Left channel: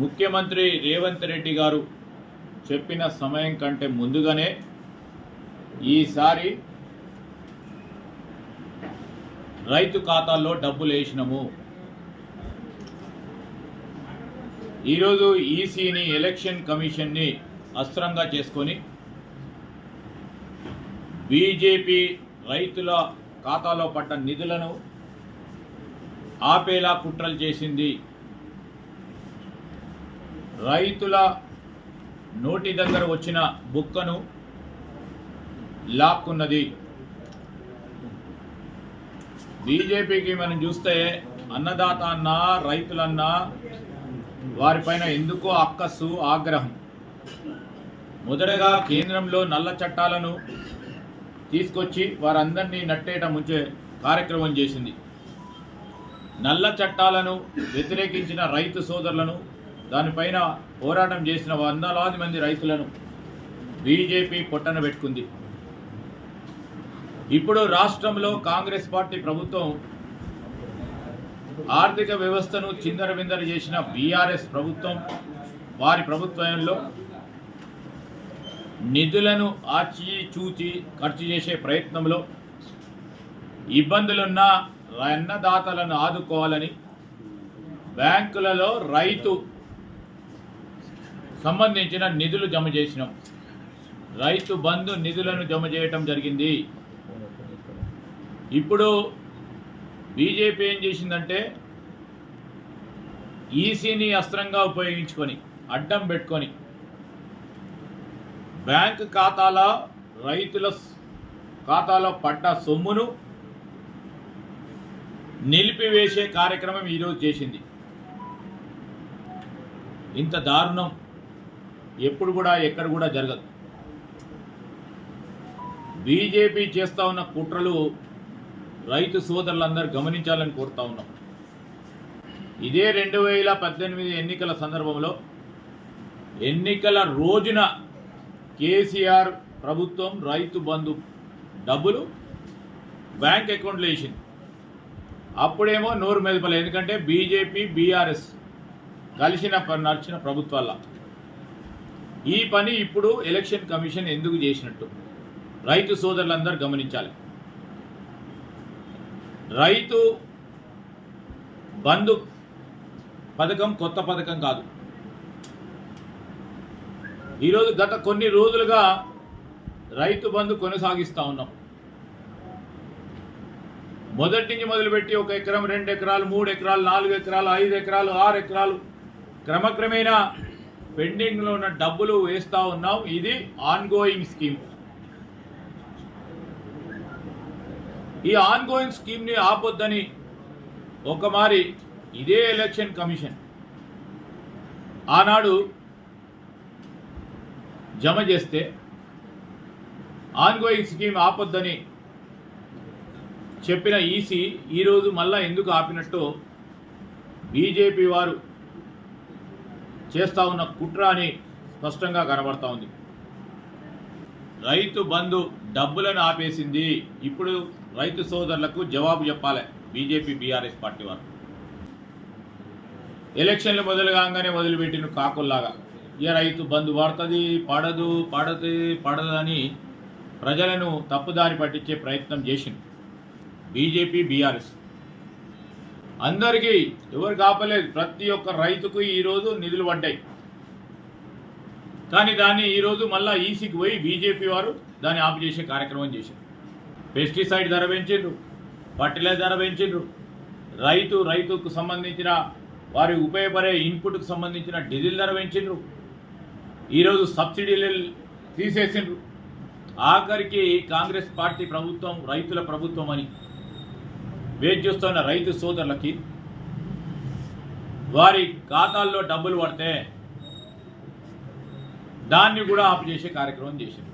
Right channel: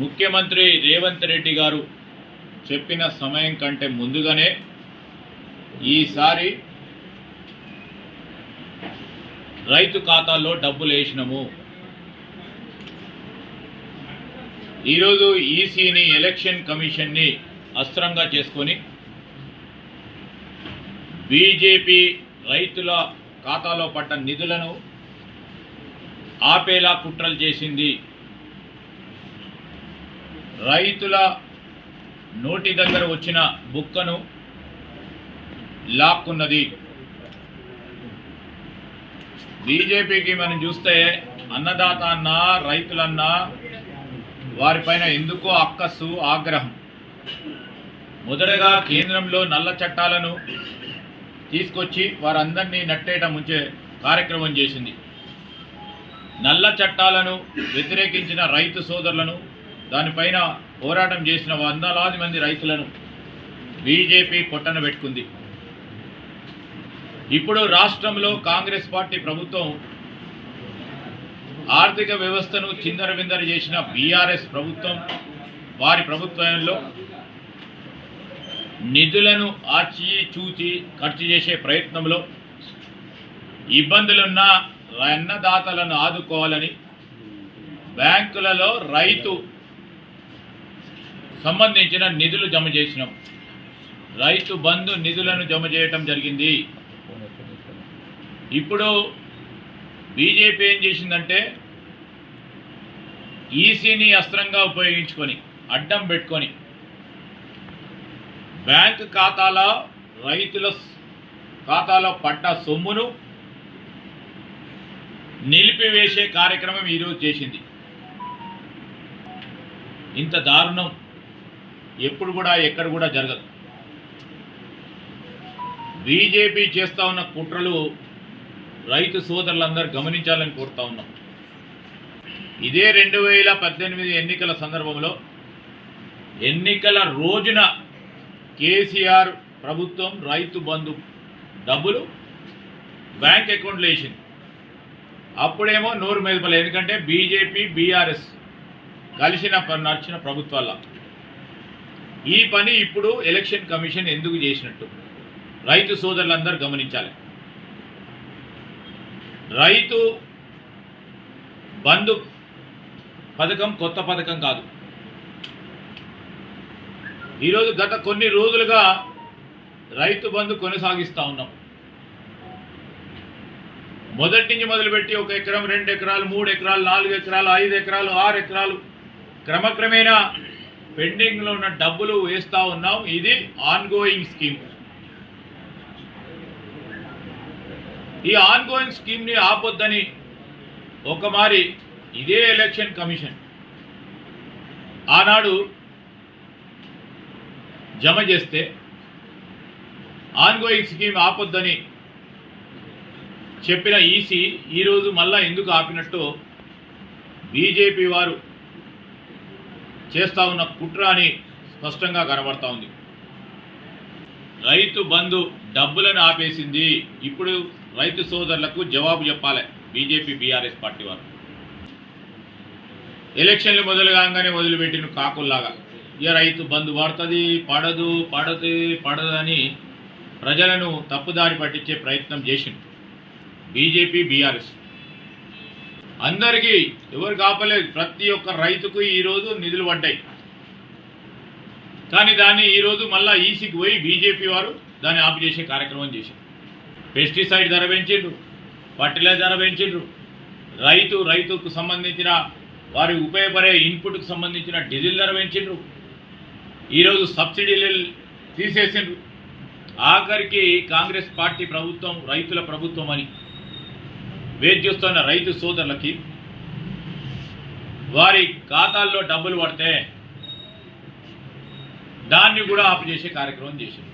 ముఖ్యమంత్రి రేవంత్ రెడ్డి గారు చెప్పిన సమయం కంటే ముందుగానే ఈసారి రైతు ఖాతాల్లో డబ్బులు వేసినాము. ఈరోజు ఈసీని ఎలక్షన్ కమిషన్ని అస్త్రంగా చేసుకొని బీజేపీ రైతుల ఖాతాలో పడ్డ నిధులను ఆపేలా కుట్రలు చేసింది రైతుల నోటి దగ్గర వచ్చిన బుక్కను లాక్కున్నది. బీజేపీకి మనం చూస్తే అన్నదాత అన్నా రైతులన్నా వారిపైన ఎందుకో అక్కస్సు ఆగ్రహం. మొదటగా కేంద్రంలో నల్ల చట్టాలను తీసుకొచ్చి వారందరినీ నట్టేట ముంచే కార్యక్రమం చేసింది. నల్ల చట్టాలను వ్యతిరేకించిన రైతు సోదరులను దానిపైన పోరాటం చేసిన వందలాది మంది రైతులను బీజేపీ పొట్టన పెట్టుకుంది. ఇప్పుడు రాష్ట్రంలో కాంగ్రెస్ పార్టీ ప్రభుత్వం ఆర్థిక వ్యవస్థను చిందరవిందర చేసిన బీఆర్ఎస్ ప్రభుత్వం వారి ప్రభుత్వంలో నిధులను ఆచి చూచి ఖర్చు చేసే ప్రయత్నంలో ఇబ్బందులున్న అన్నదాతలను ఆదుకోవాలని బ్యాంకులలో రైతు సంబంధించిన నిధులు జమ చేసినాం. రైతు బంధు నిధులను జమ చేయటం జరిగింది. ఇప్పుడు బీజేపీ ఏం చేసిందంటే ఈసీని అస్త్రంగా ఉపయోగించుకొని అడ్డం పెట్టుకొని బ్యాంక్ ఖాతాల రైతుల ఖాతాలో పడ్డ సొమ్మును నిలిపివేసే కార్యక్రమం ఈరోజు చేసింది. ఇంత దారుణం. ఎప్పుడు కూడా ఎక్కడ కూడా జరగదు. బీజేపీ చేస్తూ ఉన్న కుట్రలు రైతు సోదరులందరూ గమనించాలని కోరుతా ఉన్నాం. ఇదే రెండు వేల పద్దెనిమిది ఎన్నికల సందర్భంలో ఎన్నికల రోజున కేసీఆర్ ప్రభుత్వం రైతు బంధు డబ్బులు బ్యాంక్ అకౌంట్లో వేసింది. అప్పుడేమో నోరు మెదపలే ఎందుకంటే బీజేపీ బీఆర్ఎస్ కలిసిన నడిచిన ప్రభుత్వాల ఈ పని ఇప్పుడు ఎలక్షన్ కమిషన్ ఎందుకు చేసినట్టు? రైతు సోదరులందరూ గమనించాలి. రైతు బంధు పథకం కొత్త పథకం కాదు. ఈరోజు గత కొన్ని రోజులుగా రైతు బంధు కొనసాగిస్తూ ఉన్నాం. మొదటి నుంచి మొదలుపెట్టి ఒక ఎకరం రెండు ఎకరాలు మూడు ఎకరాలు నాలుగు ఎకరాలు ఐదు ఎకరాలు ఆరు ఎకరాలు క్రమక్రమేణా పెండింగ్లో ఉన్న డబ్బులు వేస్తూ ఉన్నాం. ఇది ఆన్గోయింగ్ స్కీమ్ ఈ ఆన్గోయింగ్ స్కీమ్ని ఆపొద్దని ఒక మారి ఇదే ఎలక్షన్ కమిషన్ ఆనాడు జమ చేస్తే ఆన్గోయింగ్ స్కీమ్ ఆపొద్దని చెప్పిన ఈసీ ఈరోజు మళ్ళా ఎందుకు ఆపినట్టు బీజేపీ వారు చేస్తూ ఉన్న కుట్ర అని స్పష్టంగా కనబడతా ఉంది. రైతు బంధు డబ్బులను ఆపేసింది. ఇప్పుడు రైతు సోదరులకు జవాబు చెప్పాలి. బీజేపీ బీఆర్ఎస్ పార్టీ వారు. ఎలక్షన్లు మొదలు కాగానే మొదలుపెట్టిన కాకుల్లాగా. ఇక రైతు బంధు పడుతుంది పడదు పడదు పడదు అని ప్రజలను తప్పుదారి పట్టించే ప్రయత్నం చేసింది బీజేపీ బీఆర్ఎస్. అందరికీ ఎవరు కాపలేదు ప్రతి ఒక్క రైతుకు ఈరోజు నిధులు పడ్డాయి. కానీ దాన్ని ఈరోజు మళ్ళీ ఈసీకి పోయి బీజేపీ వారు దాన్ని ఆపు చేసే కార్యక్రమం చేశారు. పెస్టిసైడ్ ధర పెంచిండ్రు ఫర్టిలైజర్ ధర పెంచిండ్రు. రైతు రైతుకు సంబంధించిన వారి ఉపయోగపడే ఇన్పుట్కు సంబంధించిన డీజిల్ ధర పెంచిండ్రు. ఈరోజు సబ్సిడీలు తీసేసిండ్రు. ఆఖరికి కాంగ్రెస్ పార్టీ ప్రభుత్వం రైతుల ప్రభుత్వం అని. వేచి చూస్తున్న రైతు సోదరులకి వారి ఖాతాల్లో డబ్బులు పడితే దాన్ని కూడా ఆపు చేసే కార్యక్రమం చేశారు